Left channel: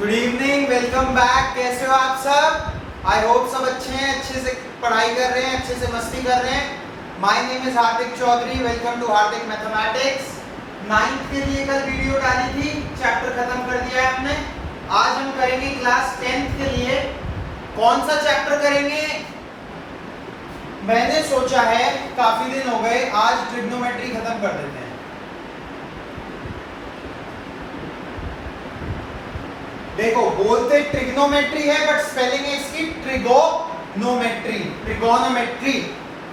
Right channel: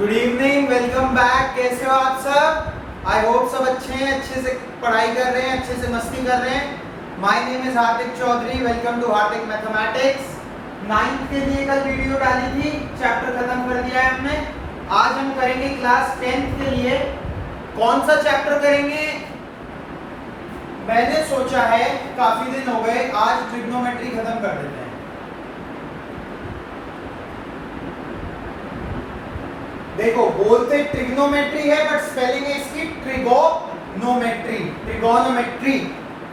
Good evening, welcome back. कैसे हो आप सब? आई होप सब अच्छे हैं, अच्छे से पढ़ाई कर रहे हैं, अच्छे से मस्ती कर रहे हैं। My name is Hardik Chaudhary, welcome to Hardik mathematics. 9th के लिए कल वीडियो डाली थी, चैप्टर खत्म कर दिया है हमने। आज हम करेंगे क्लास 10th के लिए। कौन सा चैप्टर करेंगे? मैंने सोचा है, काफी दिन हो गए, आज ट्रिग्नोमेट्री खत्म कर देते हैं। देखो, बोलते ट्रिग्नोमेट्री है बट स्पेलिंग है इसकी ट्रिगोनोमेट्री। ट्रिगोनोमेट्री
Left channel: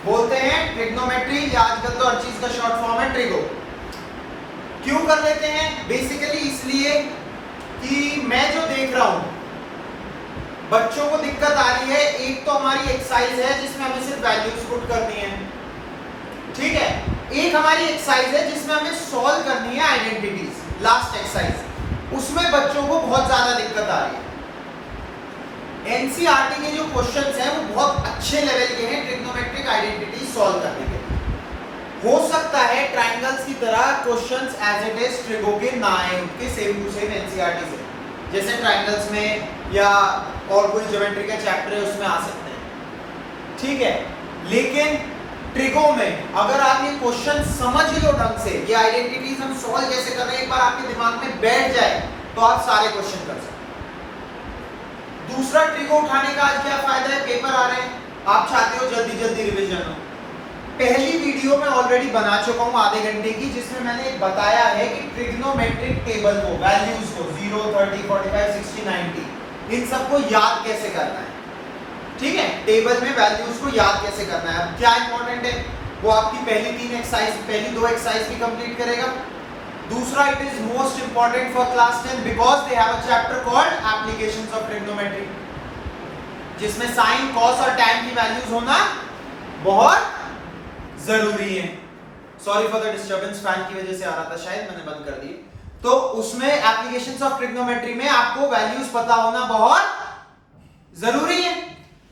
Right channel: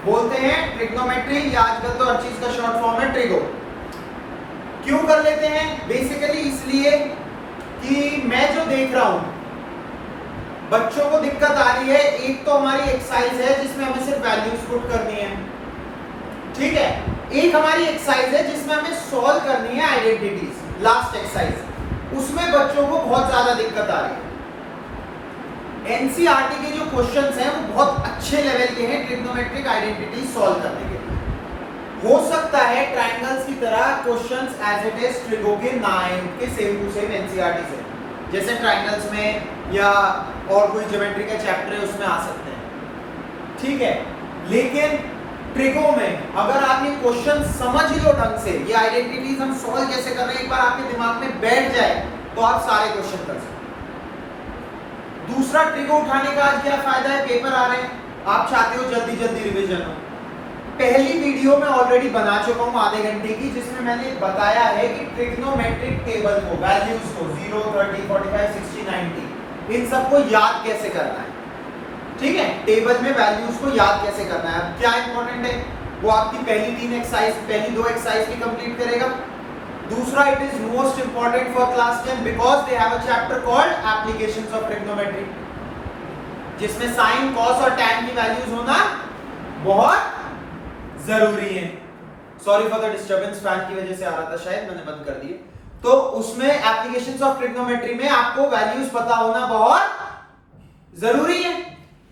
बोलते हैं, ट्रिग्नोमेट्री। या आजकल तो हर चीज का शॉर्ट फॉर्म है ट्रिगो। क्यों कर लेते हैं? बेसिकली इसलिए कि मैं जो देख रहा हूं बच्चों को दिक्कत आ रही है। एक तो हमारी एक्सरसाइज है जिसमें हमें सिर्फ वैल्यूज पुट करनी है, ठीक है। एक हमारी एक्सरसाइज है जिसमें हमें सॉल्व करनी है आइडेंटिटीज, लास्ट एक्सरसाइज। उसमें बच्चों को बहुत ज्यादा दिक्कत आ रही है। एनसीईआरटी के जो क्वेश्चंस हैं वो बहुत अच्छे लेवल के हैं ट्रिग्नोमेट्रिक आइडेंटिटी सॉल्व करने के लिए। हो सकता है ट्रायंगल्स की तरह questions as it is trigo के ना आए, उनके सेम टू सेम एनसीईआरटी से, जैसे ट्रायंगल्स में या और कोई ज्योमेट्री का चैप्टर है उसमें आ सकते हैं, ठीक है। लेकिन ट्रिगो में अगर आप ये क्वेश्चन समझ लो ढंग से, ये आइडेंटिटीज हम सॉल्व कैसे कर रहे हैं, एक बार आपके दिमाग में बैठ जाए तो आप सारे क्वेश्चन कर सकते हैं। दूसरा, ट्रिगो उठाने का आज क्या फायदा है? पेपर आ रहे हैं, आप चाहते हो जल्दी जल्दी रिवीजन हो। पहली वीडियो में ऑलरेडी बना चुका हूं आधे घंटे की, जिसमें मैंने बताया है कि ट्रिग्नोमेट्रिक टेबल को, वैल्यूज को 0, 30, 45, 60, 90, इन सबको याद कैसे करना है, ठीक है। टेबल में वैल्यूज को याद कैसे करना है। अब क्या इंपॉर्टेंट है, वो आपकी पहली 3 एक्सरसाइज, पहली 2 एक्सरसाइज भी कंप्लीट करेगा। दूसरा, it is most important for class 10 because they have a chapter called applications of trigonometry, जिसमें साइन, कॉस और टैन की वैल्यूज होना बहुत जरूरी है। Sorry for the disturbance, fan की वजह से आ रहा था शायद, मैंने बंद कर दिए। तो उसमें एप्लीकेशंस ऑफ ट्रिग्नोमेट्री में आपको वैल्यूज पता होना बहुत जरूरी है।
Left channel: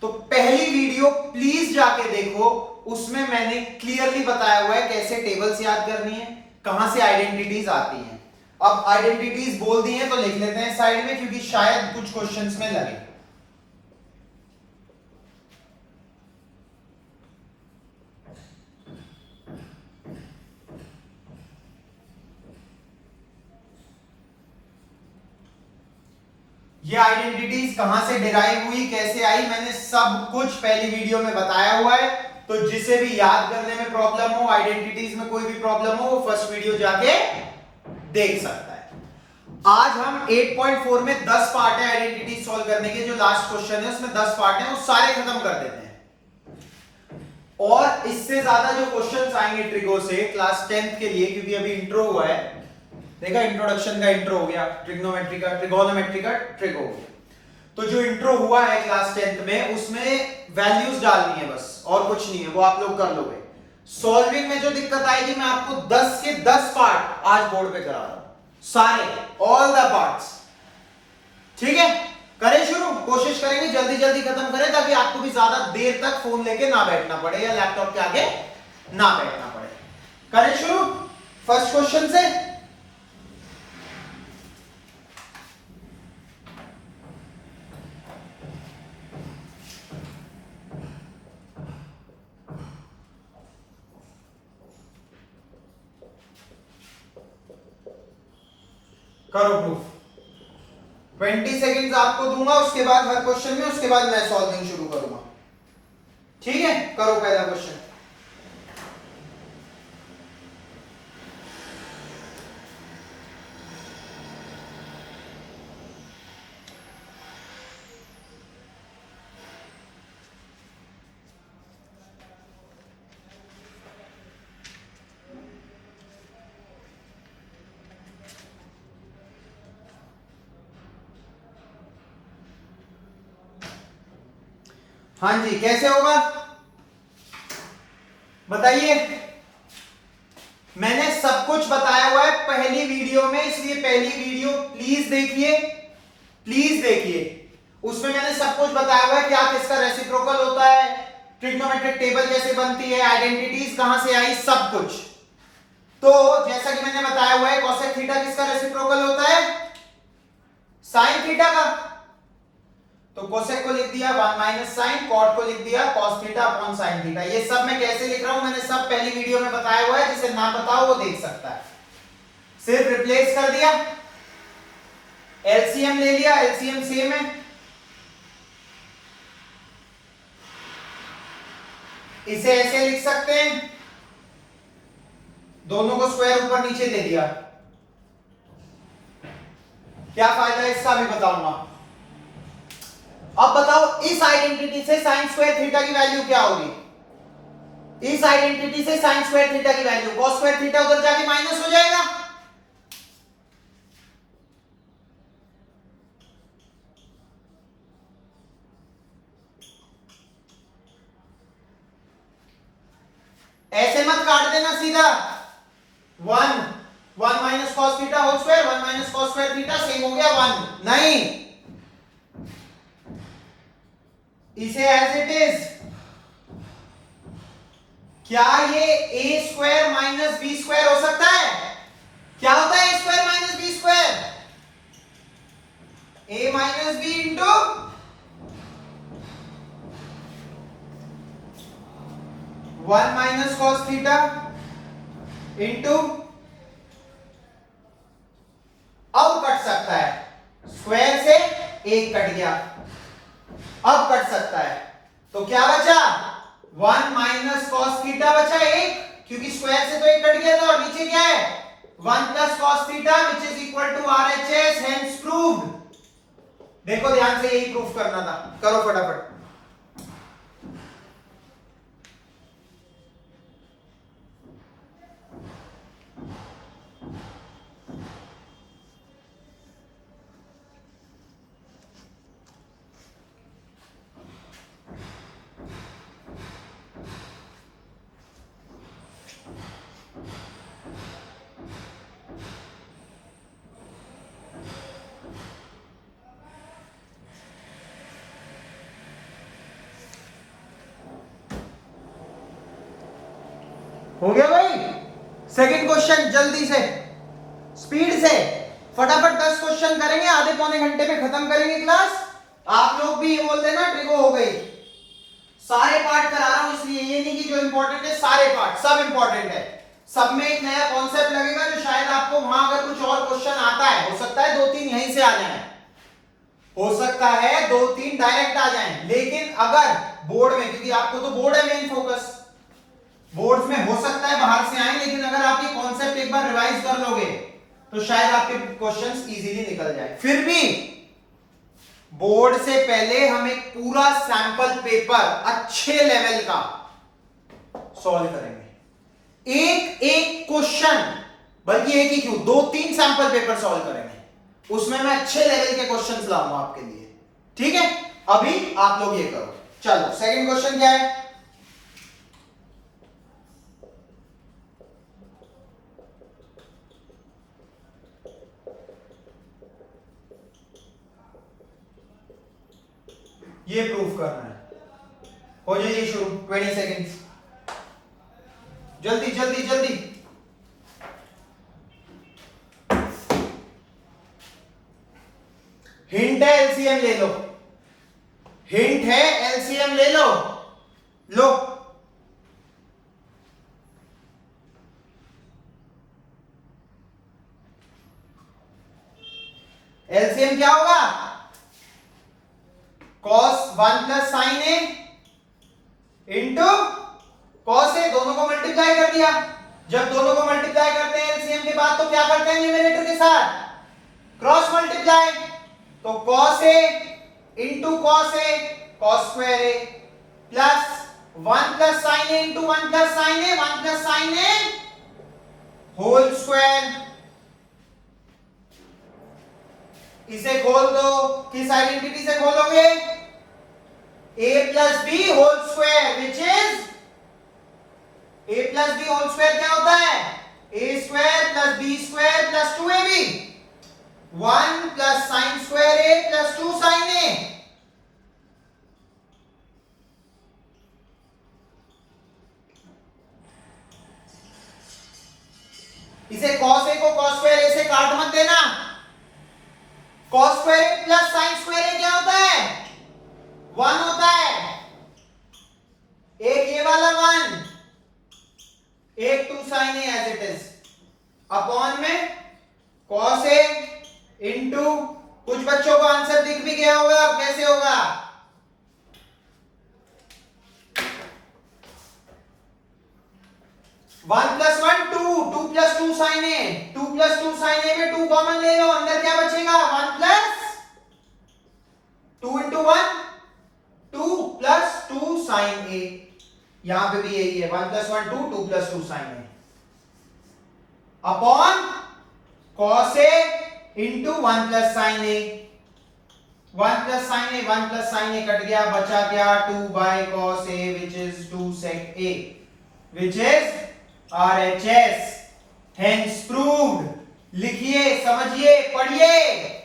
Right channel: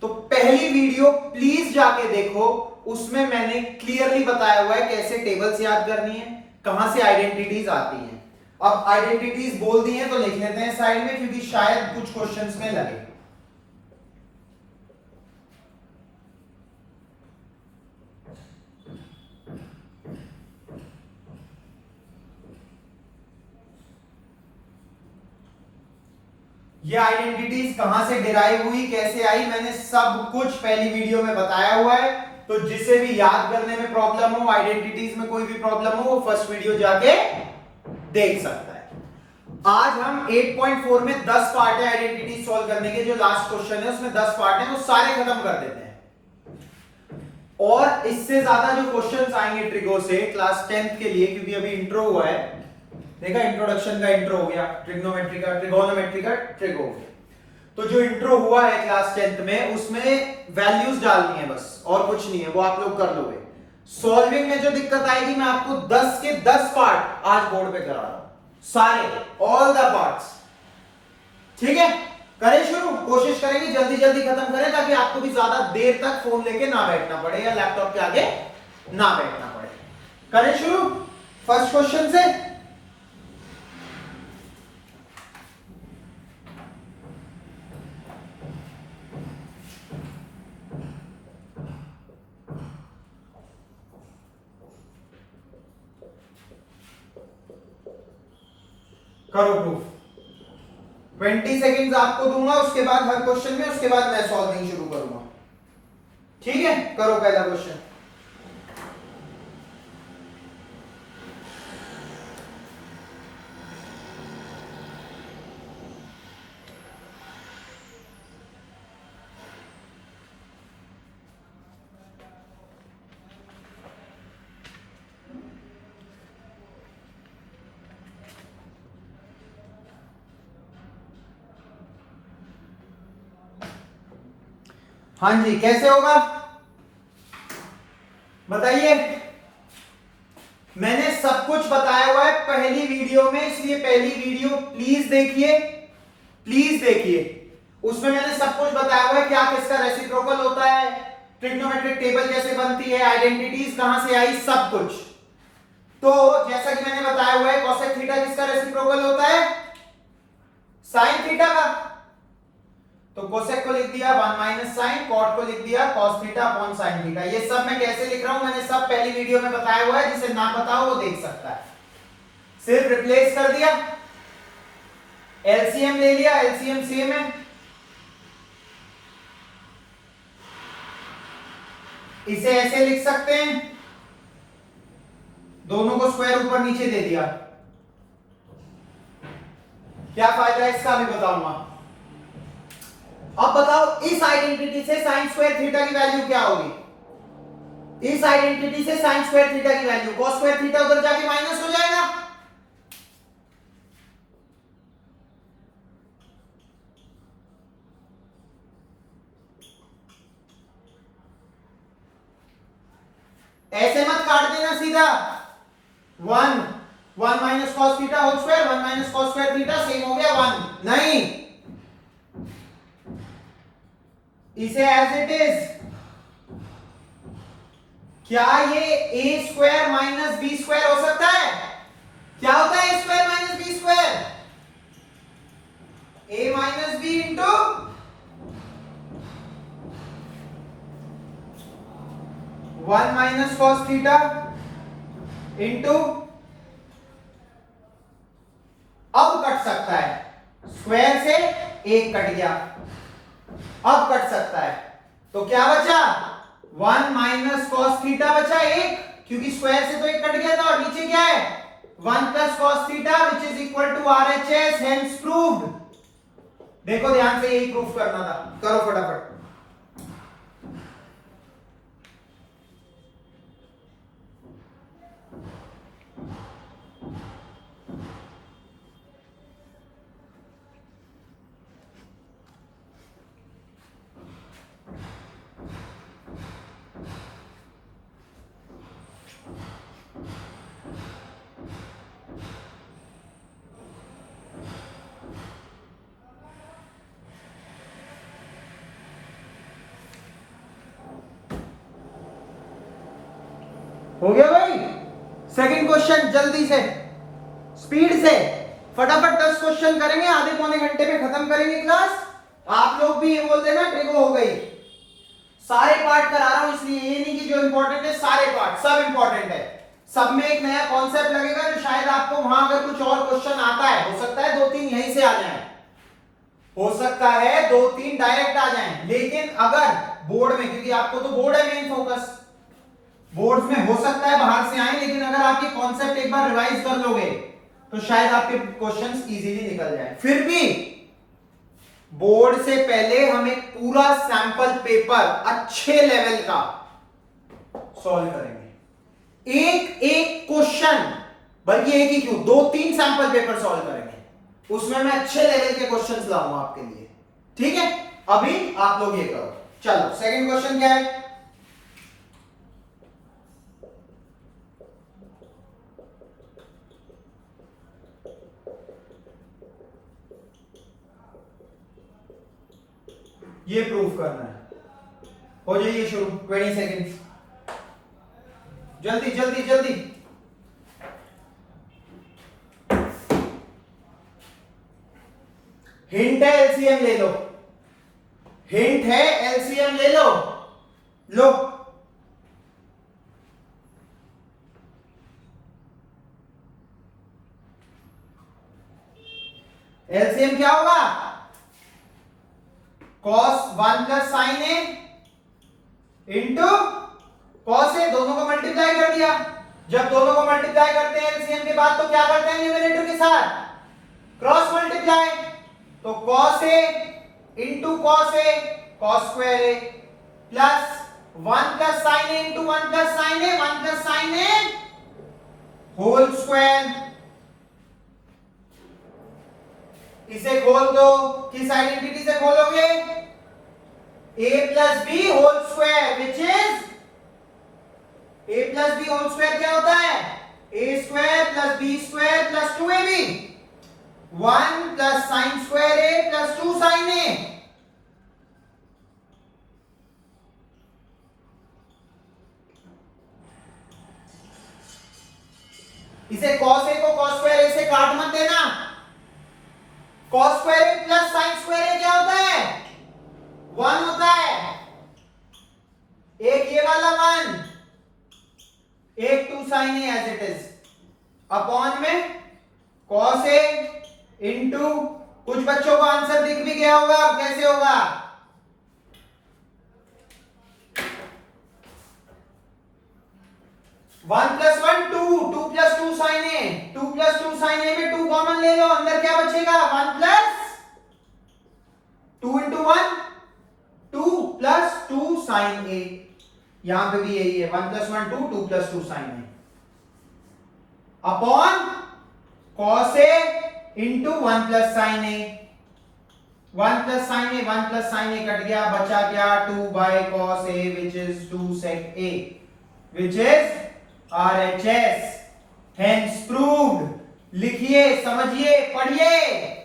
तो पहली वीडियो प्लीज जाके देखो, उसमें मैंने क्लियरली बताया हुआ है कैसे टेबल्स याद करनी है, कहां से आइडेंटिटीज आती हैं। अब आइडेंटिटीज बोल दी हैं तो लिख लेते हैं साइड में, क्योंकि शायद कुछ क्वेश्चंस में लगे। ये आइडेंटिटीज कहां से डिराइव हुई, कैसे आई, मैंने सब कुछ पहली वीडियो में बताया हुआ है। तो जिसे भी याद करने में प्रॉब्लम हो, आइडेंटिटीज में कोई भी प्रॉब्लम हो, वो फर्स्ट वीडियो जाके देख सकता है। आज हम 8.4 में 10 पार्ट है आइडेंटिटी सॉल्व करने के। जो लास्ट क्वेश्चन है उसमें 10 पार्ट है, वो सारे खत्म कर देते हैं। और इससे ज्यादा जो क्वेश्चंस आएंगे ट्रिगो से क्लास 10th के लिए, क्योंकि अभी इंट्रो हुआ है, देखा, इंट्रोडक्शन का इंट्रो हो गया, ट्रिग्नोमेट्री का, ट्रिगोनोमेट्री का ट्रिगो हो गया। तो जो इंट्रो हुआ है क्लास 10th में, उसमें वैल्यूज डालनी है बस, और कुछ नहीं है, वो आप लोग कर लोगे। सॉल्विंग में जो दिक्कत आएगी, मैं आपको 10 के 10 पार्ट आज बोर्ड पे करा रहा हूं, सारे, ऑल द पार्ट्स, ठीक है। करें शुरू, कोशिश करेंगे जल्दी जल्दी खत्म करें, ताकि आपको भी ज्यादा देर तक फोन लेके ना बैठना पड़े या लैपटॉप के आगे ना बैठना पड़े। करें शुरू फर्स्ट क्वेश्चन से। करो प्रूफ। 20 सेकेंड्स आपको दूंगा, उसके बाद हर क्वेश्चन में, उसके बाद मैं सॉल्विंग शुरू करूंगा, ठीक है। करो पहला क्वेश्चन। हाँ जी, कैसे होगा बताइए। मैंने सब कुछ बताया हुआ है पहली वीडियो में, इसलिए पहली वीडियो प्लीज देखिए, प्लीज देखिए। उसमें मैंने सब कुछ बताया हुआ है, क्या किसका रेसिप्रोकल होता है, ट्रिग्नोमेट्रिक टेबल कैसे बनती है, आइडेंटिटीज कहां से आई, सब कुछ। तो जैसा कि मैंने बताया हुआ है, कोसेक थीटा किसका रेसिप्रोकल होता है, साइन थीटा का, तो कोसेक को लिख दिया 1 माइनस साइन, कॉट को लिख दिया cos theta upon sine theta. ये सब मैं कैसे लिख रहा हूं मैंने सब पहली वीडियो में बताया हुआ है, जिसे ना बताओ वो देख सकता है। सिर्फ रिप्लेस कर दिया, एलसीएम ले लिया, एलसीएम सेम है, इसे ऐसे लिख सकते हैं, दोनों को स्क्वायर ऊपर नीचे दे दिया। क्या फायदा है इसका भी बताऊंगा। अब बताओ इस आइडेंटिटी से साइन स्क्वायर थीटा की वैल्यू क्या होगी? इस आइडेंटिटी से साइन स्क्वायर थीटा की वैल्यू कॉस स्क्वायर थीटा उधर जाके माइनस हो जाएगा, ऐसे मत काट देना सीधा। 1 minus cos theta whole square, 1 minus cos square theta same हो गया 1, नहीं, इसे एज इट इज। क्या ये A square minus B square हो सकता है? क्या होता है A square minus B square? A minus B into one minus cos theta into, अब कट सकता है, स्क्वायर से एक कट गया, अब कट सकता है, तो क्या बचा? 1 माइनस कॉस थीटा बचा एक, क्योंकि स्क्वायर से तो एक कट गया था, और नीचे क्या है 1 plus cos theta which is equal to RHS, hence proved. देखो ध्यान से, यही प्रूफ करना था, करो फटाफट। हो गया भाई? सेकंड क्वेश्चन जल्दी से, स्पीड से, फटाफट 10 क्वेश्चन करेंगे, आधे पौने घंटे में खत्म करेंगे क्लास। आप लोग भी बोलते ना ट्रिगो हो गई, सारे पार्ट करा रहा हूं, इसलिए ये नहीं कि जो इंपॉर्टेंट है सारे पार्ट, सब इंपॉर्टेंट है, सब में एक नया कॉन्सेप्ट लगेगा जो शायद आपको वहां अगर कुछ और क्वेश्चन आता है, हो सकता है 2-3 यहीं से आ जाए, हो सकता है 2-3 डायरेक्ट आ जाएं, लेकिन अगर बोर्ड में, क्योंकि आपको तो बोर्ड है मेन फोकस, बोर्ड में हो सकता है बाहर से आए, लेकिन अगर आप ये कॉन्सेप्ट एक बार रिवाइज कर लोगे तो शायद आपके क्वेश्चंस इजीली निकल जाए। फिर भी बोर्ड से पहले हम एक पूरा सैंपल पेपर अच्छे लेवल का सॉल्व करेंगे, एक एक क्वेश्चन, बल्कि एक ही क्यों 2-3 सैंपल पेपर सॉल्व करेंगे, उसमें मैं अच्छे लेवल के क्वेश्चंस लाऊंगा आपके लिए, ठीक है? अभी आप लोग ये करो, चलो सेकंड क्वेश्चन क्या है? ये प्रूफ करना है, हो जाइए शुरू, 20 सेकेंड्स, जल्दी जल्दी जल्दी। हिंट है एलसीएम ले लो, हिंट है एलसीएम ले लो, लो एलसीएम क्या होगा? cos 1 plus sine a into cos ए, दोनों को मल्टीप्लाई कर दिया। जब दोनों को मल्टीप्लाई करते हैं एलसीएम के बाद तो क्या करते हैं न्यूमरेटर के साथ? क्रॉस मल्टीप्लाई, तो cos a into cos a, cos square a, plus 1 plus sine a into 1 plus sine a, 1 plus sine a whole square. इसे खोल दो, किस आइडेंटिटी से खोलोगे? a plus b whole square which is, a plus b whole square क्या होता है? a square plus b square plus 2ab, 1 plus sine square a plus 2 sine a। इसे cos a को cos स्क्वायर a से काट मत देना, cos square a plus sin square ए क्या होता है? 1 होता है। एक ये वाला 1, एक 2 sin a as it is, upon में cos ए इंटू, कुछ बच्चों को आंसर दिख भी गया होगा, अब कैसे होगा? 1 प्लस 1 2, 2 प्लस 2 साइन ए, 2 प्लस 2 साइन ए में 2 कॉमन ले लो, अंदर क्या बचेगा? 1 प्लस 2 इंटू 1, 2 प्लस 2 साइन ए, यहां पे भी यही है, 1 plus 1 2, 2 plus 2 sign A, upon cos A into 1 plus sine a, 1 plus sine a, 1 plus sine A cut गया, बचा क्या? 2 by cos A which is 2 sec a, which is RHS, hence proved। लिखिए, समझिए, पढ़िए।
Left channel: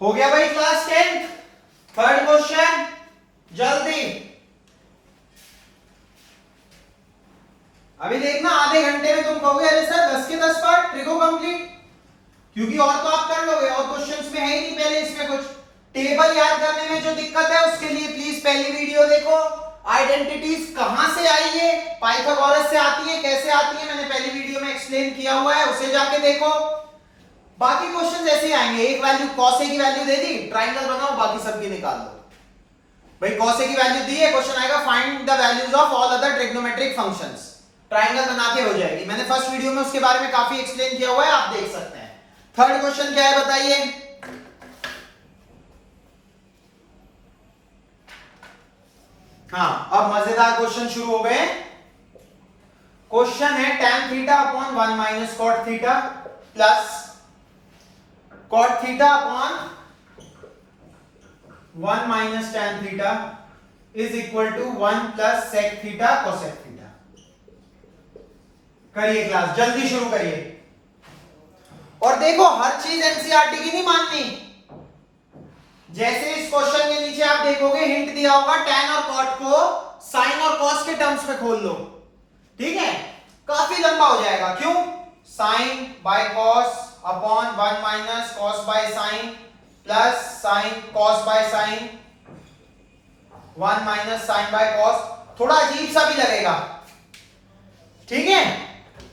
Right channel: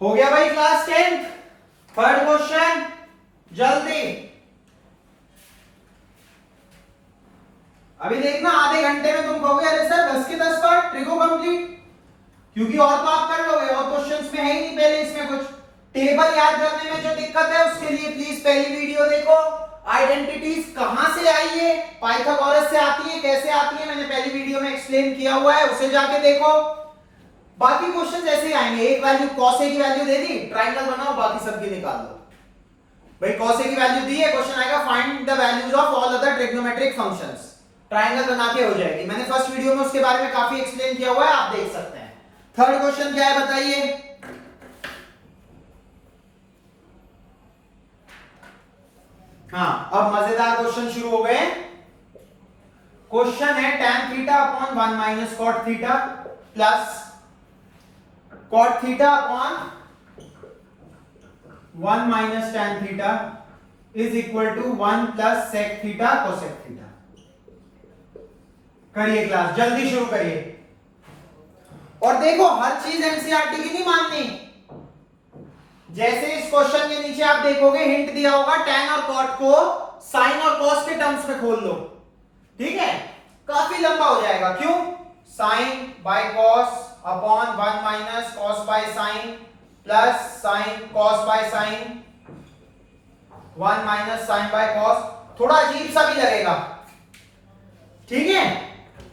हो गया भाई क्लास 10th, थर्ड क्वेश्चन, जल्दी। अभी देखना, आधे घंटे में तुम कहोगे अरे सर 10 के 10 पार्ट ट्रिगो कंप्लीट, क्योंकि और तो आप कर लोगे, और क्वेश्चंस में है ही नहीं पहले इसमें कुछ। टेबल याद करने में जो दिक्कत है उसके लिए प्लीज पहली वीडियो देखो। आइडेंटिटीज कहां से आई है, पाइथागोरस से आती है, कैसे आती है, मैंने पहली वीडियो में एक्सप्लेन किया हुआ है, उसे जाके देखो। बाकी क्वेश्चंस ऐसे ही आएंगे, एक वैल्यू cos a की वैल्यू दे दी, ट्रायंगल बनाओ, बाकी सबकी निकाल लो। भाई cos a की वैल्यू दी है, क्वेश्चन आएगा find the values of all other trigonometric functions, triangle बना के हो जाएगी। मैंने फर्स्ट वीडियो में उसके बारे में काफी एक्सप्लेन किया हुआ है, आप देख सकते हैं। थर्ड क्वेश्चन क्या है बताइए? हाँ, अब मजेदार क्वेश्चन शुरू हो गए। क्वेश्चन है tan theta upon 1 minus cot theta plus cot theta upon 1 minus tan theta is equal to 1 plus sec theta cosec theta. करिए क्लास, जल्दी शुरू करिए। और देखो, हर चीज एनसीईआरटी की नहीं माननी। जैसे इस क्वेश्चन के नीचे आप देखोगे हिंट दिया होगा, tan और cot को sin और cos के टर्म्स में खोल लो, ठीक है? काफी लंबा हो जाएगा, क्यों? sin by cos upon 1 minus cos by sin plus sin cos by sin 1 minus sin by cos, थोड़ा अजीब सा भी लगेगा, ठीक है?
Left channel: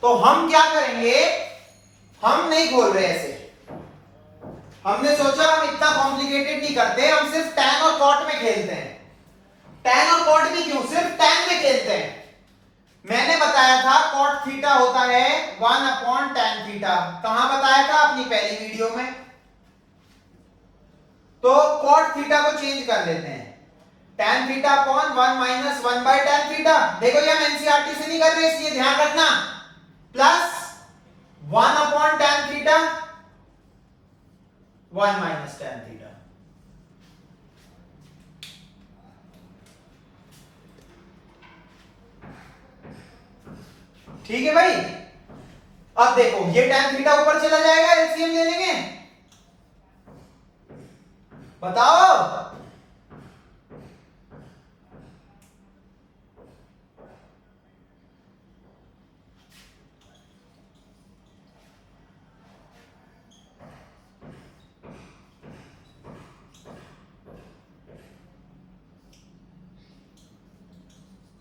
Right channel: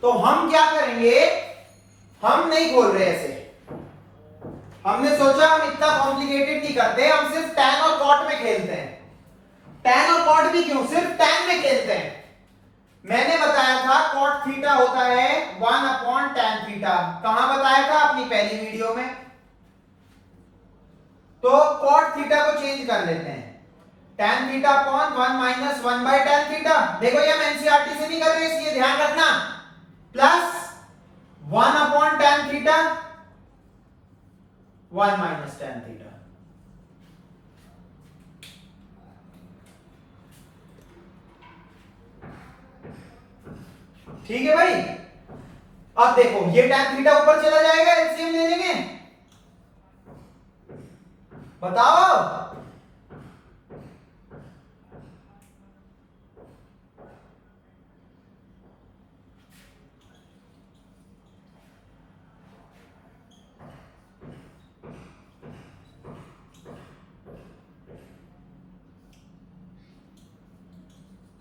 तो हम क्या करेंगे, हम नहीं खोल रहे ऐसे, हमने सोचा हम इतना कॉम्प्लिकेटेड नहीं करते, हम सिर्फ tan और cot में खेलते हैं। tan और cot भी क्यों, सिर्फ tan में खेलते हैं। मैंने बताया था cot थीटा होता है 1 अपॉन tan थीटा, कहां बताया था? अपनी पहली वीडियो में। तो cot थीटा को चेंज कर लेते हैं, tan theta upon 1 minus 1 by tan theta. देखो ये हम एनसीईआरटी से नहीं कर रहे, इसलिए ध्यान रखना, plus 1 upon tan theta 1 minus tan theta. ठीक है भाई? अब देखो, ये tan थीटा ऊपर चला जाएगा, एलसीएम ले लेंगे, बताओ।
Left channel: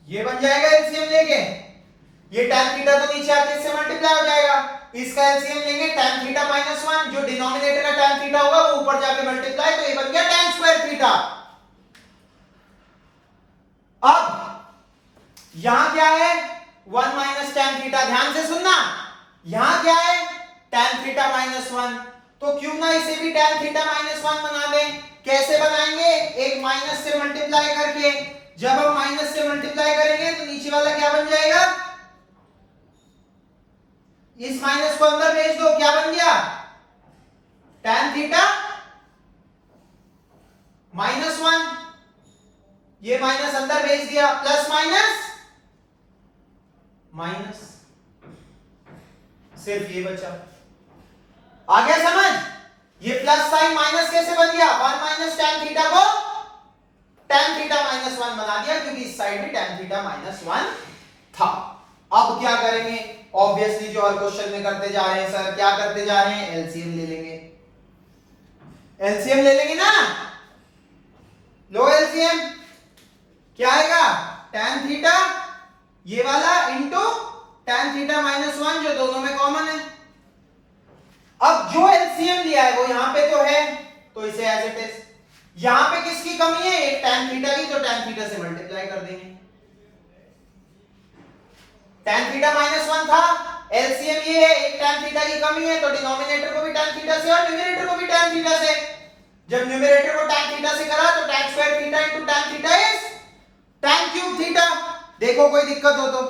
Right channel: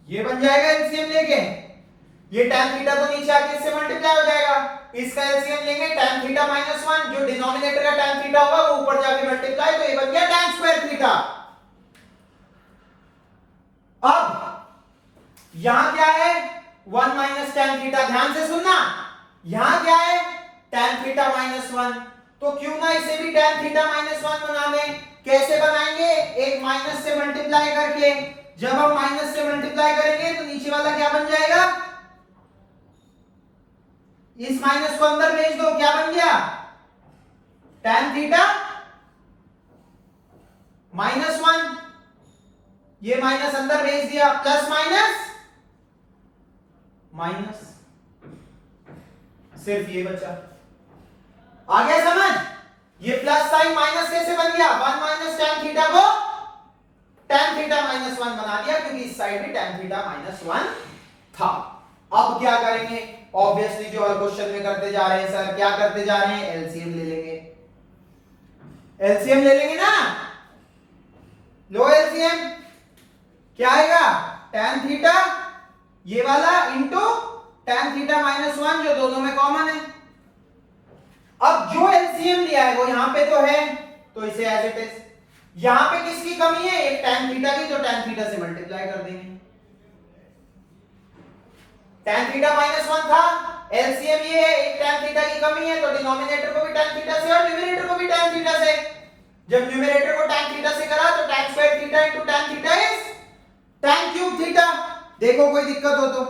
ये बन जाएगा एलसीएम लेके, ये tan थीटा तो नीचे आके इससे मल्टीप्लाई हो जाएगा, इसका एलसीएम लेंगे tan थीटा माइनस 1, जो डिनोमिनेटर का tan थीटा होगा वो ऊपर जाके मल्टीप्लाई, तो ये बन गया tan स्क्वायर थीटा। अब यहां क्या है? 1 माइनस tan थीटा, ध्यान से सुनना, यहां क्या है? tan थीटा माइनस 1, तो क्यों ना इसे भी tan थीटा माइनस 1 बना दें, कैसे बनाएंगे? एक माइनस से मल्टीप्लाई करके। जब हम माइनस से मल्टीप्लाई करेंगे तो नीचे वाला क्या बन जाएगा? इस माइनस को अंदर भेज दो, क्या बन गया? tan थीटा -1, ये माइनस अंदर भेज दिया, प्लस माइनस माइनस, सिर्फ ये बचा। आ गया समझ? ये प्लस साइन माइनस कैसे बन गया? 1 माइनस tan थीटा को tan थीटा -1 बना दिया, क्योंकि इस साइड में tan थीटा -1 था। अब क्या करेंगे? ऑब्वियसली जो हर क्वेश्चन में करते जा रहे हैं सर, क्या करते जा रहे हैं? एलसीएम ले लेंगे। एलसीएम ले लेंगे ना, लो एलसीएम, क्या आएगा? tan थीटा ये वाला इंटू tan थीटा -1, जो दोनों में कॉमन है। अब जो एलसीएम लिया है वो यहां पे तो है, तो इसे एज इट इज। यहां पे किसकी कमी है? एक tan थीटा की, तो tan थीटा से मल्टीप्लाई कर देंगे। tan थीटा -1 था, एलसीएम ये है, एक tan थीटा की कमी है, तो डिनोमिनेटर को भी tan थीटा से और न्यूमरेटर को भी tan थीटा से। जब न्यूमरेटर को tan थीटा से करा तो tan square theta into tan theta is tan cube theta. देखो कोई दिक्कत हो तो।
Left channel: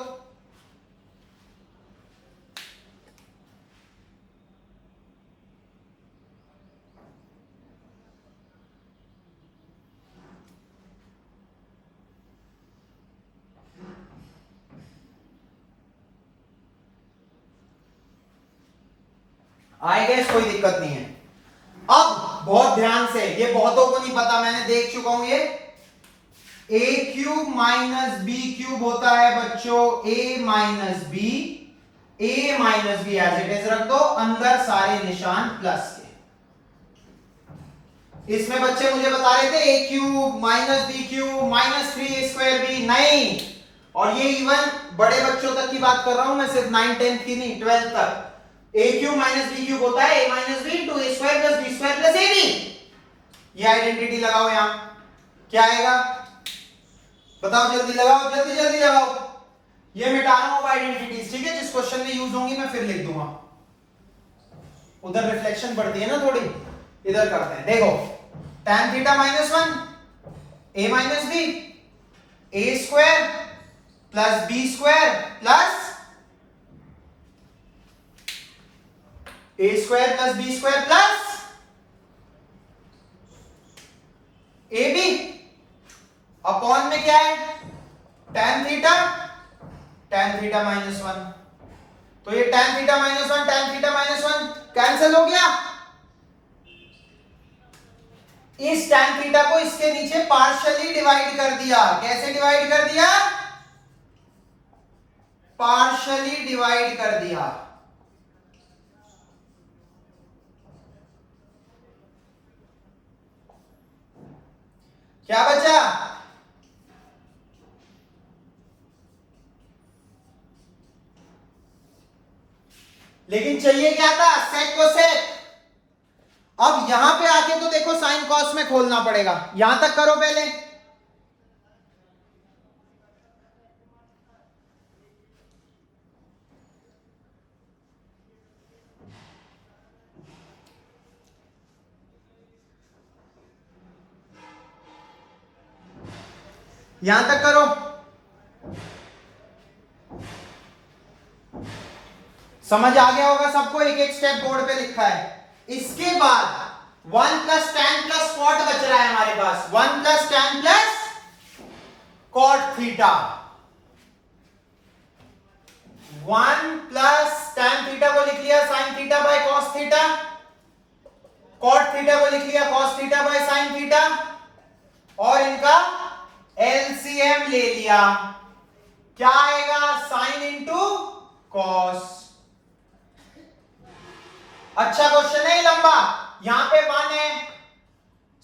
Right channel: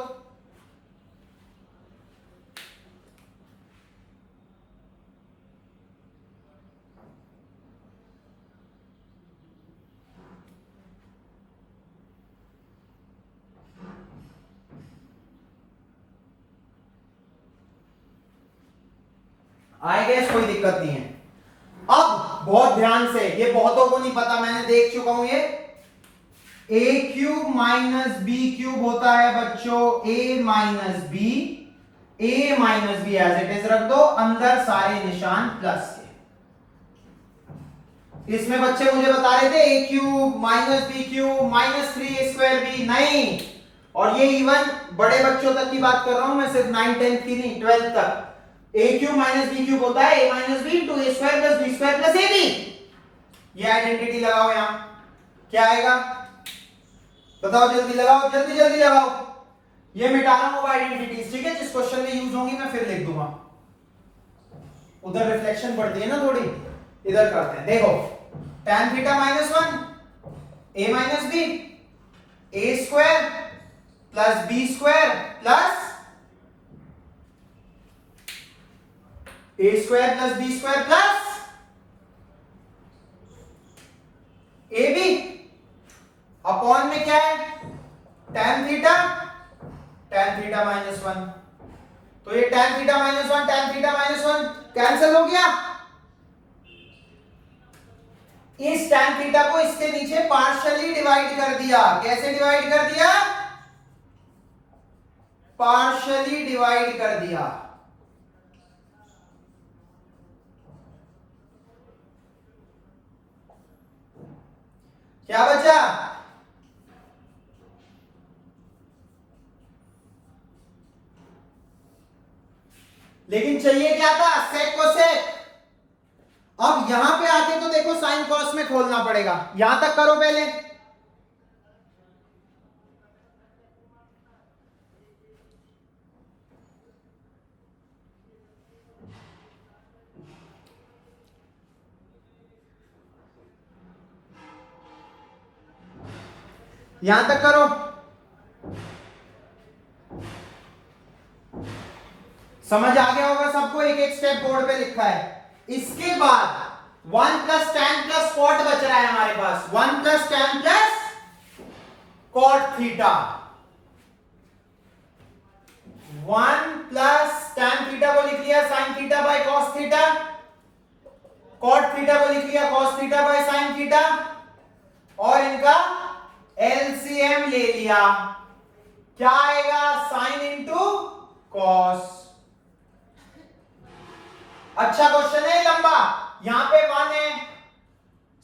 आई गेस कोई दिक्कत नहीं है। अब बहुत ध्यान से, ये बहुतों को नहीं पता, मैंने देख चुका हूं ये। a cube minus b cube होता है बच्चों a minus b, a minus b as it is रख दो, अंदर सारे निशान प्लस के। इसमें बच्चे मुझे बता रहे थे a cube minus b cube -3a²b, नहीं। और ये इवन बड़े बच्चों तक की बात कर रहा हूं मैं, सिर्फ 9th 10th की नहीं, 12th तक। a cube minus b cube होता है a minus B into a square plus b square plus ab। ये आइडेंटिटी लगाओ यहां, क्या आएगा? बताओ, जल्दी लगाओ, जल्दी जल्दी लगाओ। ये मिटा रहा हूं आइडेंटिटीज, ठीक है? जिस क्वेश्चन में यूज होंगी मैं फिर लिख दूंगा, उधर रिफ्लेक्शन बढ़ती है ना थोड़ी, इधर करते हैं। देखो, tan theta -1 a minus b, a square plus b square plus a square plus b square plus ab upon में क्या है? tan theta -1। तो ये tan थीटा -1 कैंसिल हो गया। इस tan थीटा को इसके नीचे पार्शियली डिवाइड कर दिया। कैसे डिवाइड कर दिया? पार्शियली डिवाइड कर दिया। क्या बचा? लेकिन चाहिए क्या था? सेक को सेक। अब यहां पे आके तो देखो साइन कॉस में खोलना पड़ेगा, यहां तक करो पहले। यहां तक करो, समझ आ गया होगा सबको? एक एक स्टेप बोर्ड पे लिखा है। इसके बाद 1 प्लस tan प्लस कॉट बच रहा है हमारे पास, 1 plus tan plus cot theta. 1 plus tan theta को लिख लिया sin थीटा by cos theta, cot theta को लिख लिया cos theta by sin theta, और इनका एलसीएम ले लिया। क्या आएगा? sin into cos। अच्छा क्वेश्चन है लंबा। यहां पे 1 है,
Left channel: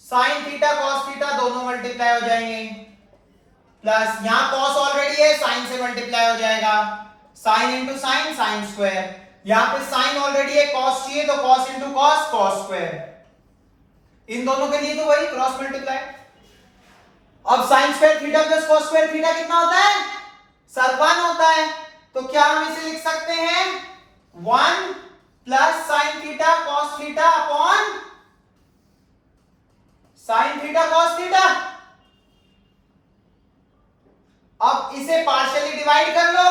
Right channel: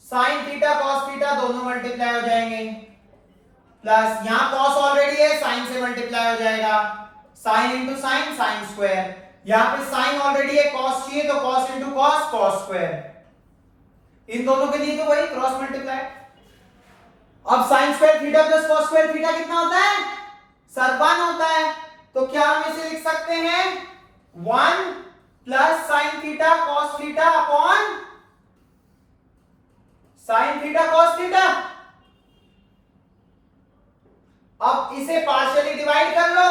sin थीटा cos थीटा दोनों मल्टीप्लाई हो जाएंगे, प्लस यहां cos ऑलरेडी है, sin से मल्टीप्लाई हो जाएगा, sin into sine sine square. यहां पे sin ऑलरेडी है, cos चाहिए तो cos into cos cos square. इन दोनों के लिए तो वही क्रॉस मल्टीप्लाई। अब sin square theta plus cos square theta कितना होता है? सर 1 होता है। तो क्या हम इसे लिख सकते हैं? 1 plus sin theta cos theta upon sine theta cos theta. अब इसे पार्शियली डिवाइड कर लो।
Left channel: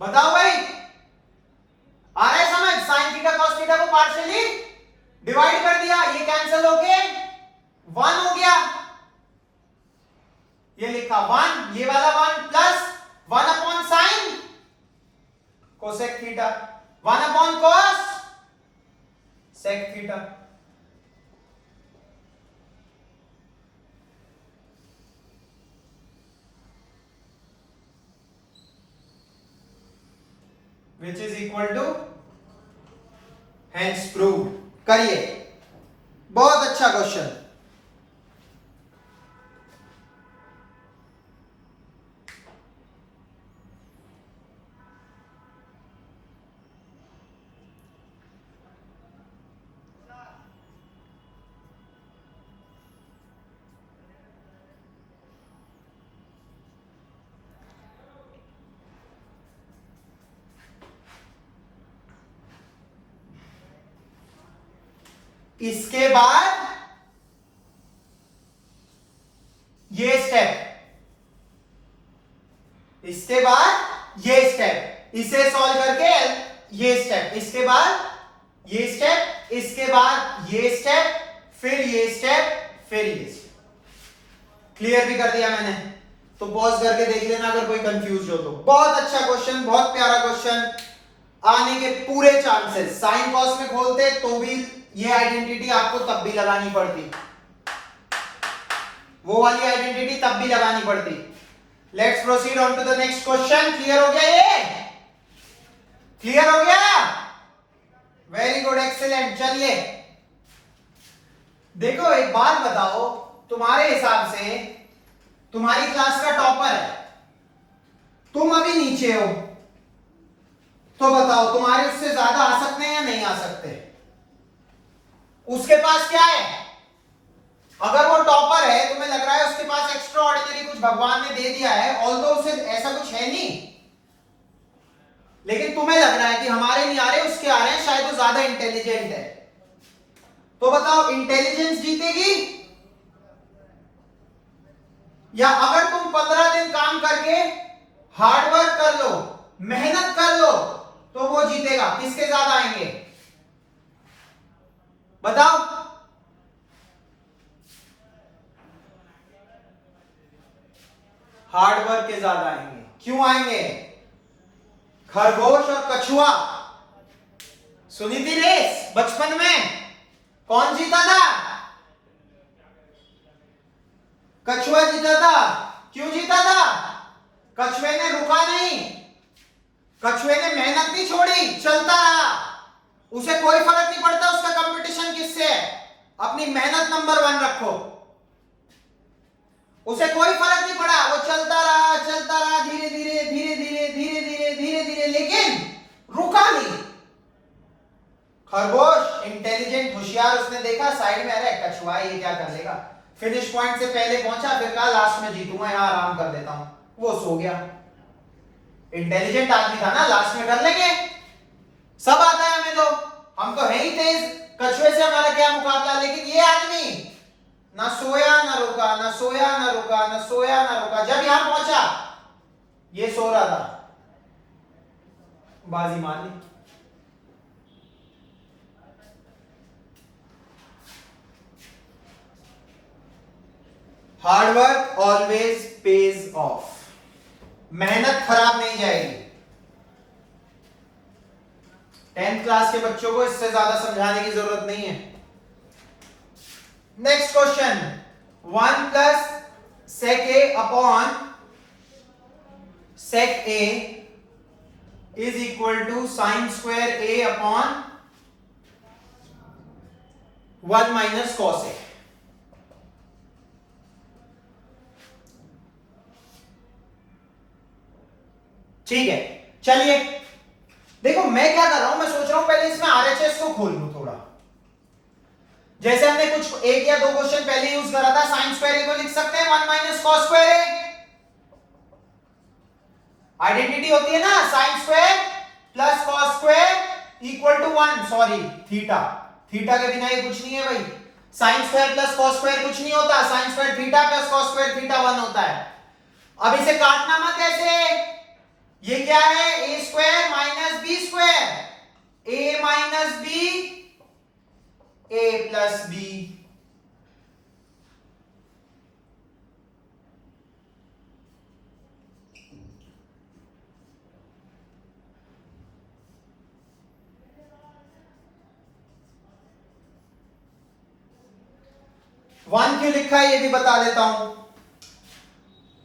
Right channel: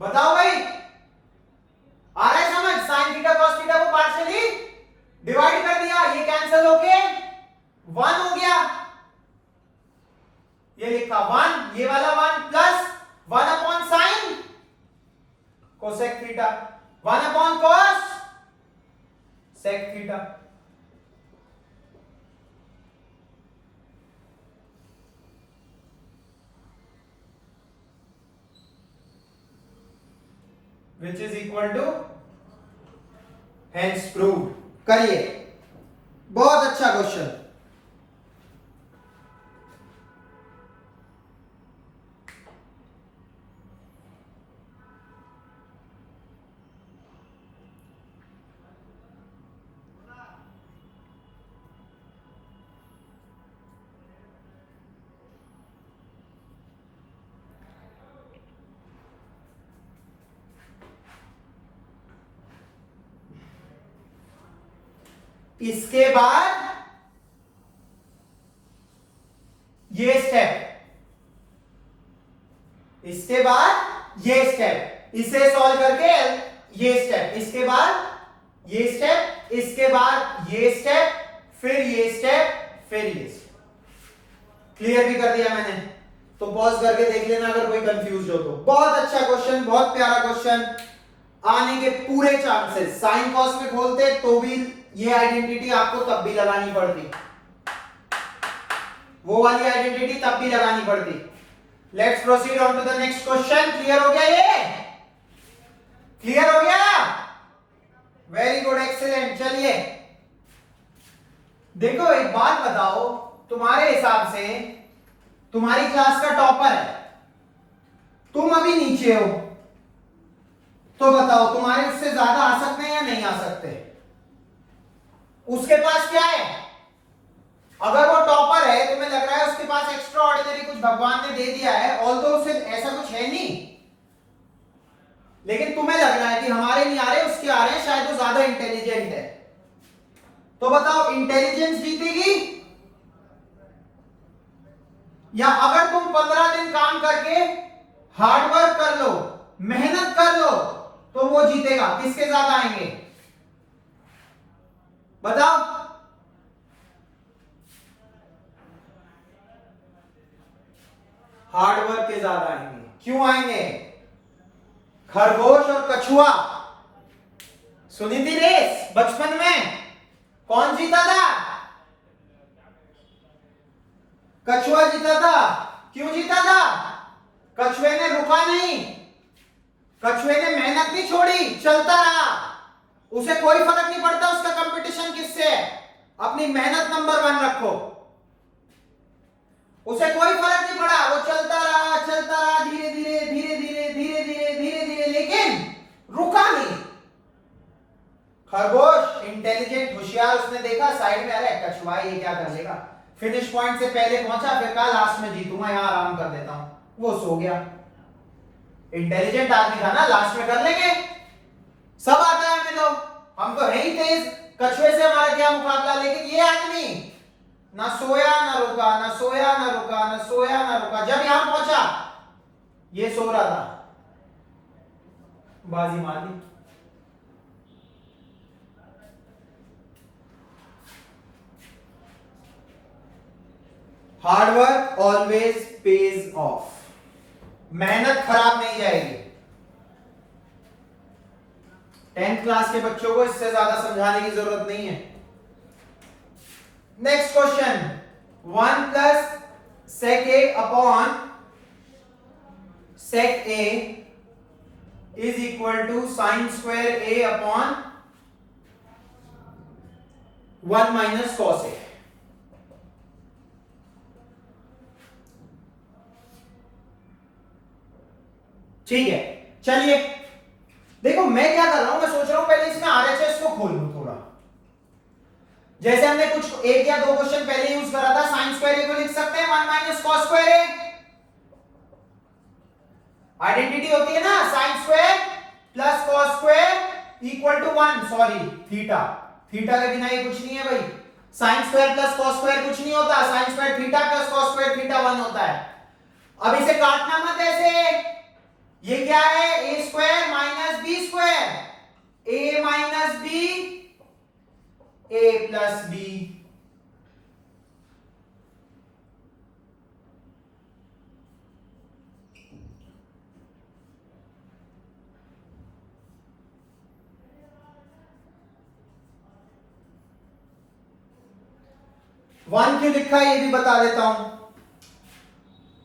बताओ भाई, आ रहा है समझ? साइन थीटा कॉस थीटा को पार्शियली डिवाइड कर दिया, ये कैंसिल होके 1 हो गया। ये लिखा 1, ये वाला 1 plus 1 upon sine cosec theta, 1 upon cos sec theta. which is equal to hence proved। करिए, बहुत अच्छा क्वेश्चन। इसके बाद ये स्टेप, इसके बाद ये स्टेप, इसे सॉल्व करके ये स्टेप, इसके बाद ये स्टेप, इसके बाद ये स्टेप, फिर ये स्टेप, फिर ये स्टेप। क्लियर भी कर दिया मैंने, तो पॉज करके देख लेना अगर कोई कंफ्यूज हो तो। बहुत अच्छा क्वेश्चन, बहुत प्यारा क्वेश्चन, आने के पूरे चांसेस। साइन कॉस में खोलते तो भी ये आइडेंटिटी आपको तब भी लगानी पड़ती, वो वाली आइडेंटिटी तब भी लगानी पड़ती। Let's proceed on to the next question. Clear हो गया? ये क्लियर हो गया? Very good, excellent. चलिए देखो, एक बात बताओ, तुम्हारे हिसाब से तुम्हारी क्लास का टॉपर है, तुम अभी नीचे हो, तो बताओ तुम्हारे उससे ज्यादा आ सकते हैं या नहीं आ सकते? उसके पास क्या है? अगर वो टॉपर है, तुम्हें लग रहा है उसके पास एक्स्ट्रा ऑर्डिनरी कुछ भगवान ने दे दिया है, ऑल्दो उसे ऐसा कुछ है नहीं, लेकिन तुम्हें लग रहा है कि हमारे नहीं आ रहे, उसके आ रहे हैं, शायद वो ज्यादा इंटेलिजेंट है। तो बताओ, इंटेलिजेंस जीतेगी या अगर तुम 15 दिन काम करके हार्डवर्क कर लो, मेहनत कर लो, तो वो जीतेगा? किसके ज्यादा आएंगे बताओ? हार्डवर्क के ज्यादा आएंगे। क्यों आएंगे? खरगोश और कछुआ, सुनी थी रेस बचपन में? कौन जीता था? कछुआ जीता था। क्यों जीता था? कछुए ने रुका नहीं, कछुए ने मेहनत नहीं छोड़ी, चलता रहा। उसे कोई फर्क नहीं पड़ता उसका कंपटीशन किससे है, अपनी मेहनत नंबर 1 रखो। उसे कोई फर्क नहीं पड़ा, वो चलता रहा, धीरे धीरे धीरे धीरे धीरे धीरे धीरे धीरे, लेकिन रुका नहीं। खरगोश इंटेलिजेंट, होशियार, उसने देखा साइड में, अरे कछुआ ये क्या कर लेगा, फिनिश पॉइंट से पहले पहुंचा, फिर कहा लास्ट में जीतूंगा, यहां आराम कर देता हूं, वो सो गया। इंटेलिजेंट आदमी था ना, लास्ट में कर लेंगे, सब आता है हमें, तो हम तो है ही तेज, कछुए से हमारा क्या मुकाबला। लेकिन ये आदमी ना सोया ना रुका, ना सोया ना रुका, ना सोया ना रुका, जब यहां पहुंचा ये सो रहा था, बाजी मार ली। हार्डवर्क ऑलवेज पेज ऑफ, मेहनत खराब नहीं जाएगी। 10th क्लास के बच्चों को इससे ज्यादा समझाने की जरूरत नहीं है। Next question, 1 plus sec a upon sec a is equal to sine square a upon 1 minus cos a। ठीक है, चलिए देखो मैं क्या कर रहा हूं, मैं सोच रहा हूं पहले इसमें आरएचएस को खोल लूं थोड़ा। जैसे हमने कुछ 1 या 2 क्वेश्चन पहले यूज करा था, साइन स्क्वायर ए को लिख सकते हैं 1 minus cos square A. Identity होती है ना sine square plus cos square equal to 1, sorry theta, theta के बिना ये कुछ नहीं है भाई, sine square plus cos square कुछ नहीं होता, sine square theta plus cos square theta 1 होता है। अब इसे काटना मत ऐसे, ये क्या है A square minus B square, A minus B A plus B, one क्यों लिखा है ये भी बता देता हूं।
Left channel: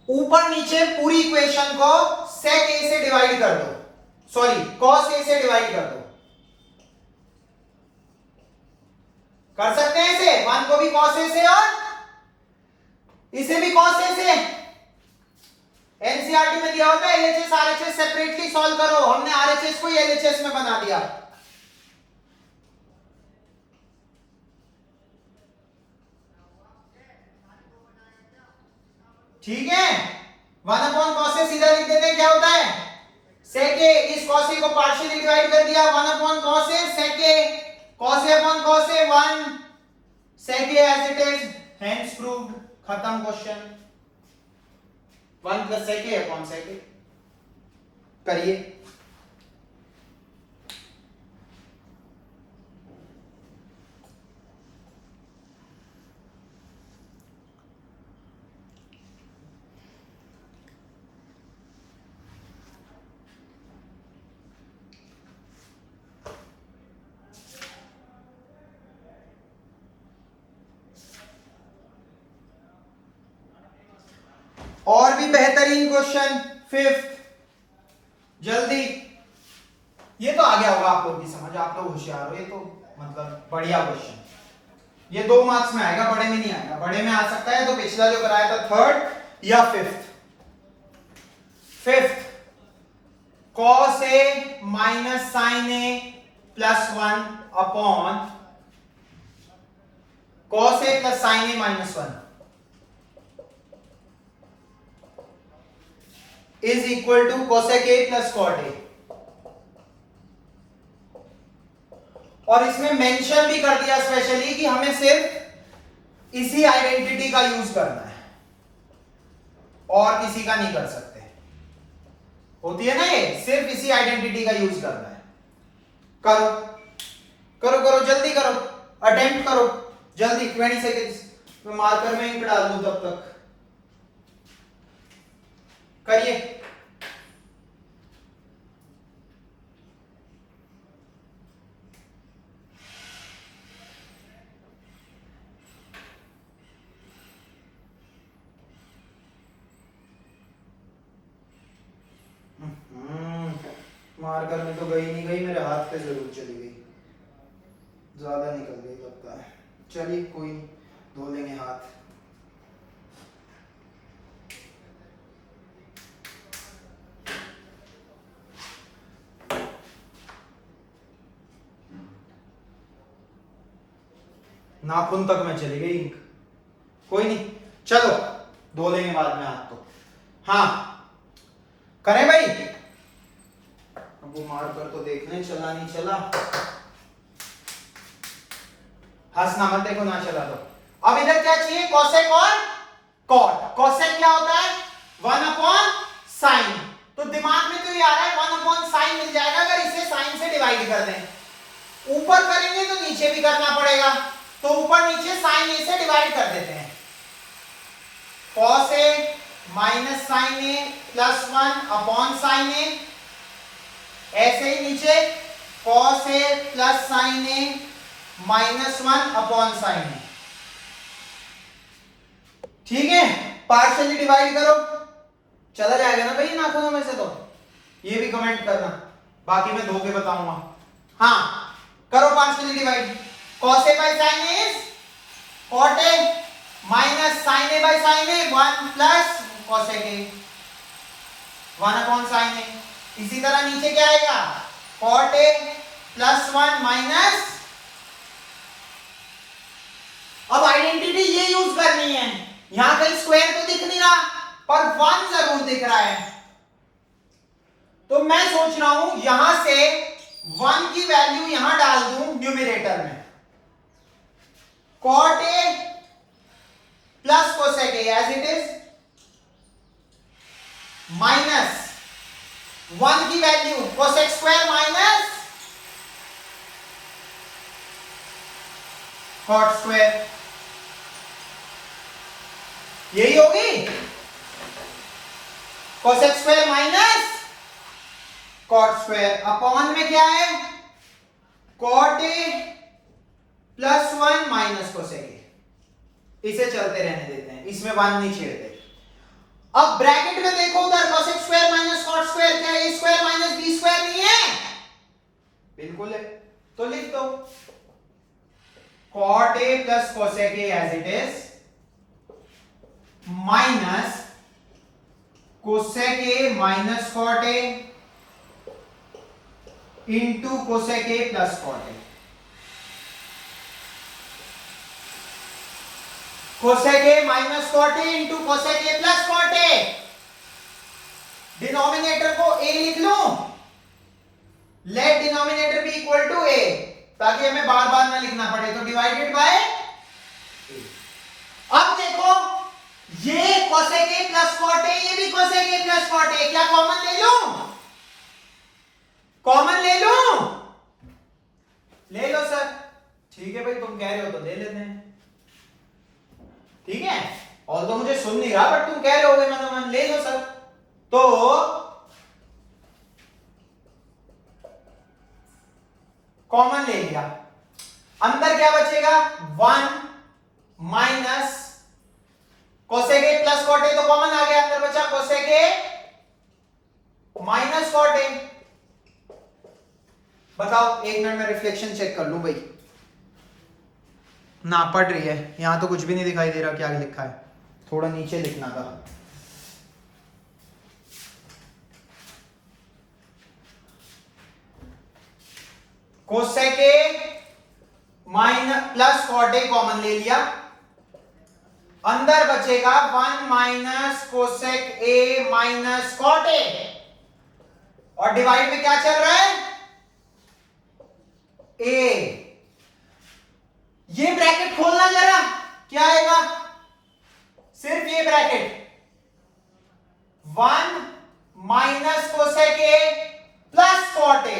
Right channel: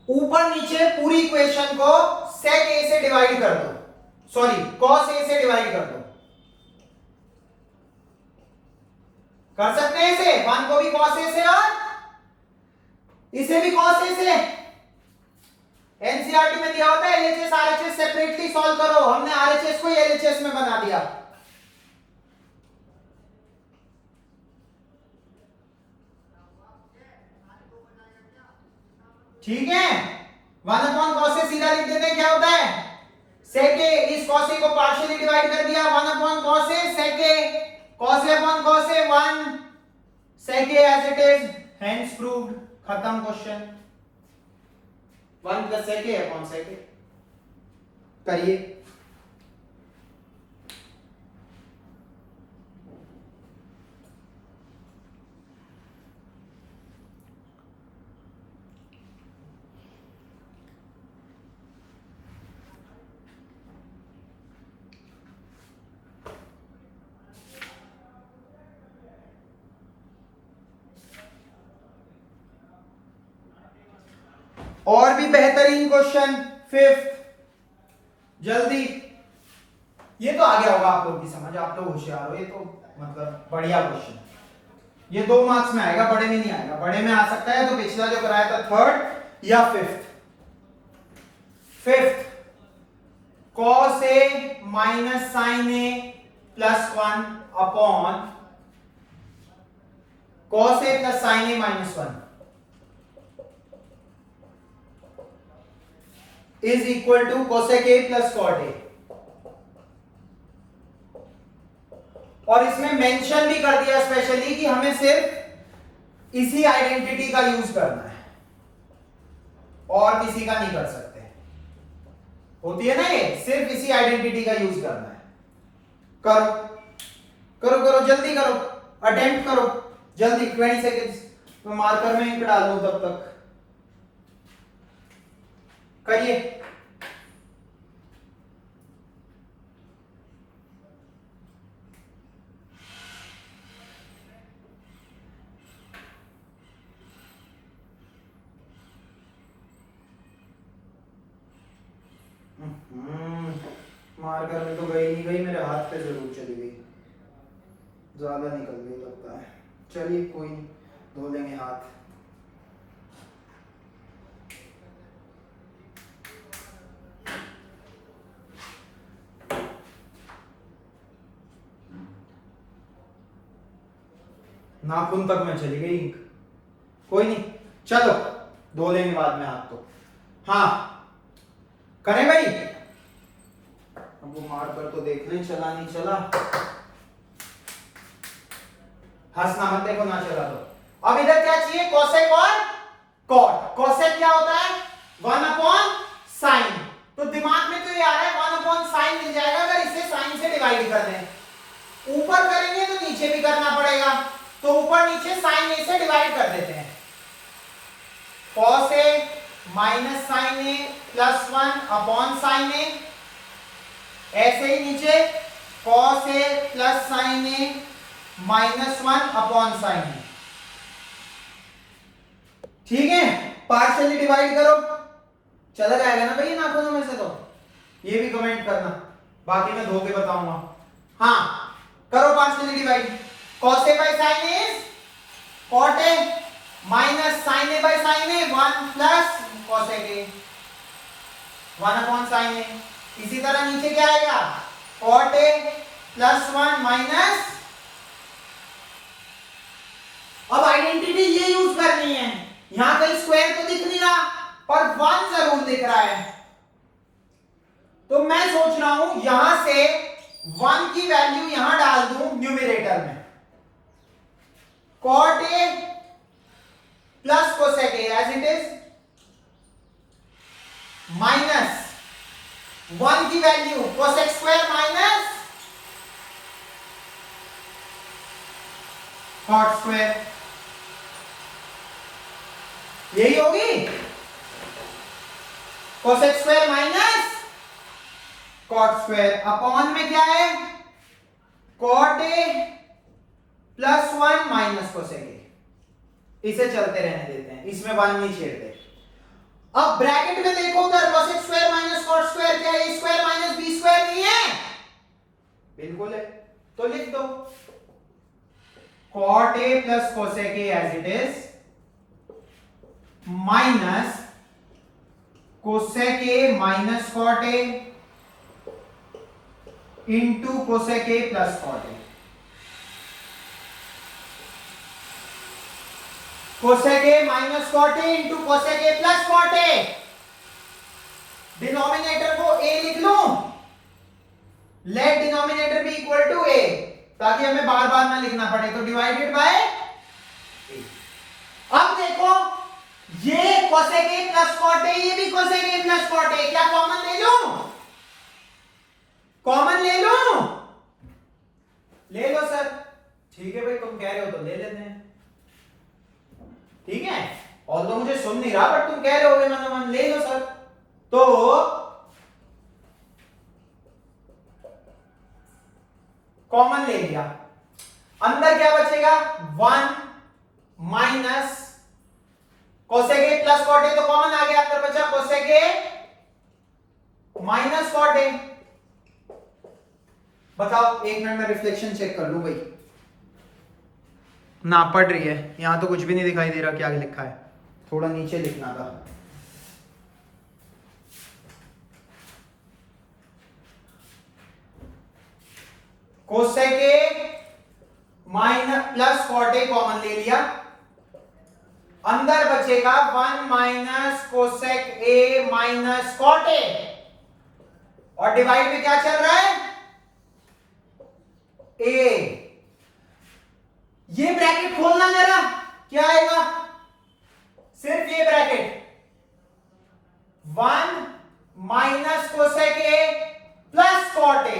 ऊपर नीचे पूरी इक्वेशन को सेक ए से डिवाइड कर दो, सॉरी कॉस ए से डिवाइड कर दो, कर सकते हैं इसे, वन को भी कॉस ए से और इसे भी कॉस ए से। एनसीईआरटी में दिया होता है एलएचएस आरएचएस सेपरेटली सॉल्व करो, हमने आरएचएस को एलएचएस में बना दिया। ठीक है, 1 अपॉन कॉस ए सीधा लिख देते हैं, क्या होता है सेक ए, इस कॉस ए को पार्शियली डिवाइड कर दिया, 1 upon cos A sec A, cos A upon cos A 1 sec A as it is, hence proved, खत्म question. 1 plus sec A upon sec A, करिए। और भी बेहतरीन क्वेश्चन, फिफ्थ, जल्दी, ये तो आ गया होगा आप लोग की समझ, आप लोग होशियार हो, ये तो मतलब बढ़िया क्वेश्चन, ये 2 मार्क्स में आएगा, बड़े में नहीं आएगा, बड़े में आ सकता है तो पिछला जो कराया था थर्ड या fifth. Fifth, cos A minus sine A plus 1 upon cos A plus sine A minus 1 is equal to cosec A plus cot A. और इसमें मेंशन भी कर दिया स्पेशली कि हमें सिर्फ इसी आइडेंटिटी का यूज करना है और किसी का नहीं कर सकते, होती है ना ये, सिर्फ इसी आइडेंटिटी का यूज करना है। करो करो करो जल्दी करो, अटेम्प्ट करो जल्दी, 20 सेकेंड्स, मैं मार्कर में इंक डाल दूं तब तक, करिए। मार्कर में तो गई नहीं गई, मेरे हाथ पे जरूर चली गई, ज्यादा निकल गई लगता है, चलिए कोई नहीं, धो लेंगे हाथ। नाखून तक में चली गई इंक, कोई नहीं, चलो धो लेंगे बाद में हाथ तो। हाँ करें भाई, अब वो मार्कर तो देख लें चला नहीं चला, हंसना मत, देखो ना चला तो। अब इधर क्या चाहिए, कोसेक और कॉट। कोसेक क्या होता है 1 अपॉन साइन, तो दिमाग में तो ये आ रहा है 1 अपॉन साइन मिल जाएगा अगर इसे साइन से डिवाइड कर दें। ऊपर करेंगे तो नीचे भी करना पड़ेगा, तो ऊपर नीचे साइन ए से डिवाइड कर देते हैं, cos A minus sine A plus 1 upon sign ए, ऐसे ही नीचे cos A plus sine A minus 1 upon sign ए। ठीक है, पार्शियली डिवाइड करो, चला जाएगा ना भाई नाखूनों में से, तो ये भी कमेंट करना, बाकी मैं धो के बताऊंगा। हाँ करो partially divide, cos a by sin a is cot a minus sin a by sin a 1 plus cosec a 1 upon sin a। इसी तरह नीचे क्या आएगा cot a plus 1 minus, अब आइडेंटिटी ये यूज करनी है, यहां कहीं स्क्वायर तो दिख नहीं रहा पर 1 जरूर दिख रहा है, तो मैं सोच रहा हूं यहां से 1 की वैल्यू यहां डाल दूं न्यूमरेटर में, cot A plus cosec A as it is, minus 1 की value cosec square minus cot square, यही होगी cosec square minus cot square, upon में क्या है cot A plus 1 minus cosec A, इसे चलते रहने देते हैं, इसमें 1 नहीं छेड़ते। अब ब्रैकेट में देखो उधर cosec square minus cot square, क्या a square minus b square नहीं है? बिल्कुल है, तो लिख दो cot A plus cosec A as it is minus cosec A minus cot A into cosec A plus cot A। cosec A minus cot A into cosec A plus cot A, denominator को A लिख लूं, let denominator be equal to A, ताकि हमें बार बार ना लिखना पड़े, तो divided by A। अब देखो ये cosec A plus cot A, ये भी cosec A plus cot A, क्या कॉमन ले लूं? कॉमन ले लूं? ले लो सर, ठीक है भाई, तुम कह रहे हो तो ले लेते हैं, ठीक है, और तो मुझे सुन नहीं रहा बट तुम कह रहे होगे मतलब ले लो सर। तो कॉमन ले लिया, अंदर क्या बचेगा 1 minus cosec A plus cot A, तो कॉमन आ गया, अंदर बचा cosec A minus cot A। बताओ, एक मिनट में रिफ्लेक्शन चेक कर लूं भाई, ना पढ़ रही है, यहां तो कुछ भी नहीं दिखाई दे रहा क्या लिखा है, थोड़ा नीचे लिखना था। cosec A minus plus cot A common ले लिया, अंदर बचेगा 1 minus cosec A minus cot A, और डिवाइड में क्या चल रहा है A। ये ब्रैकेट खोलना जरा, क्या आएगा, सिर्फ ये bracket 1 minus cosec A plus cot A,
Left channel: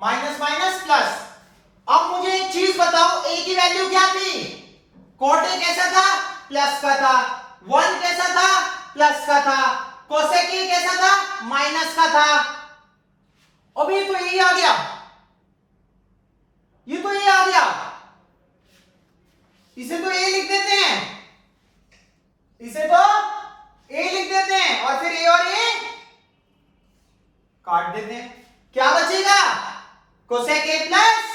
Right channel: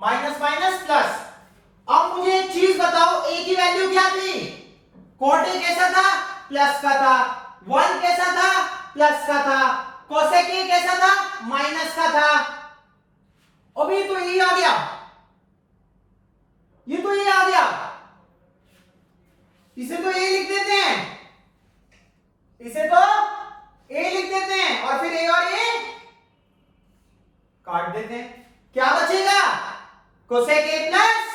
minus minus plus. अब मुझे एक चीज बताओ, A की वैल्यू क्या थी, cot A कैसा था, प्लस का था, 1 कैसा था, प्लस का था, cosec A कैसा था, माइनस का था। अब ये तो यही आ गया, ये तो ये आ गया, इसे तो ए लिख देते हैं, इसे तो ए लिख देते हैं, और फिर ए और ए काट देते हैं, क्या बचेगा cosec A plus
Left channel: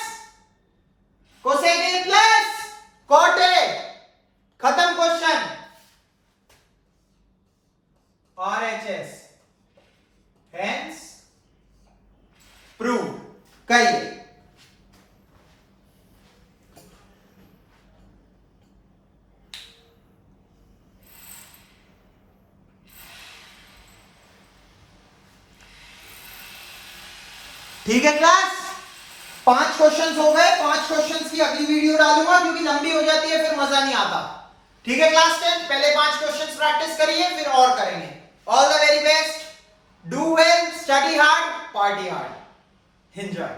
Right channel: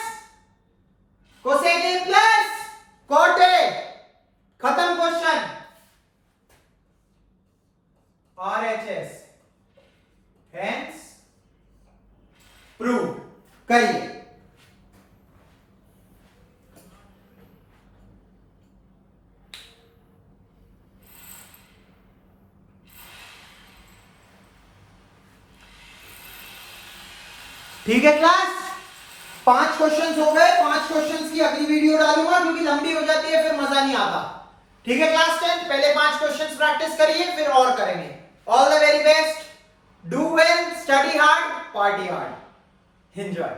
cot A, खत्म क्वेश्चन, RHS, हेंस प्रूव करिए। ठीक है क्लास, 5 क्वेश्चंस हो गए, 5 क्वेश्चंस की अगली वीडियो डालूंगा क्योंकि लंबी हो जाती है फिर मजा नहीं आता। ठीक है क्लास 10, पहले 5 क्वेश्चंस प्रैक्टिस करिए फिर और करेंगे। All the very best, do well, study hard, party hard, enjoy.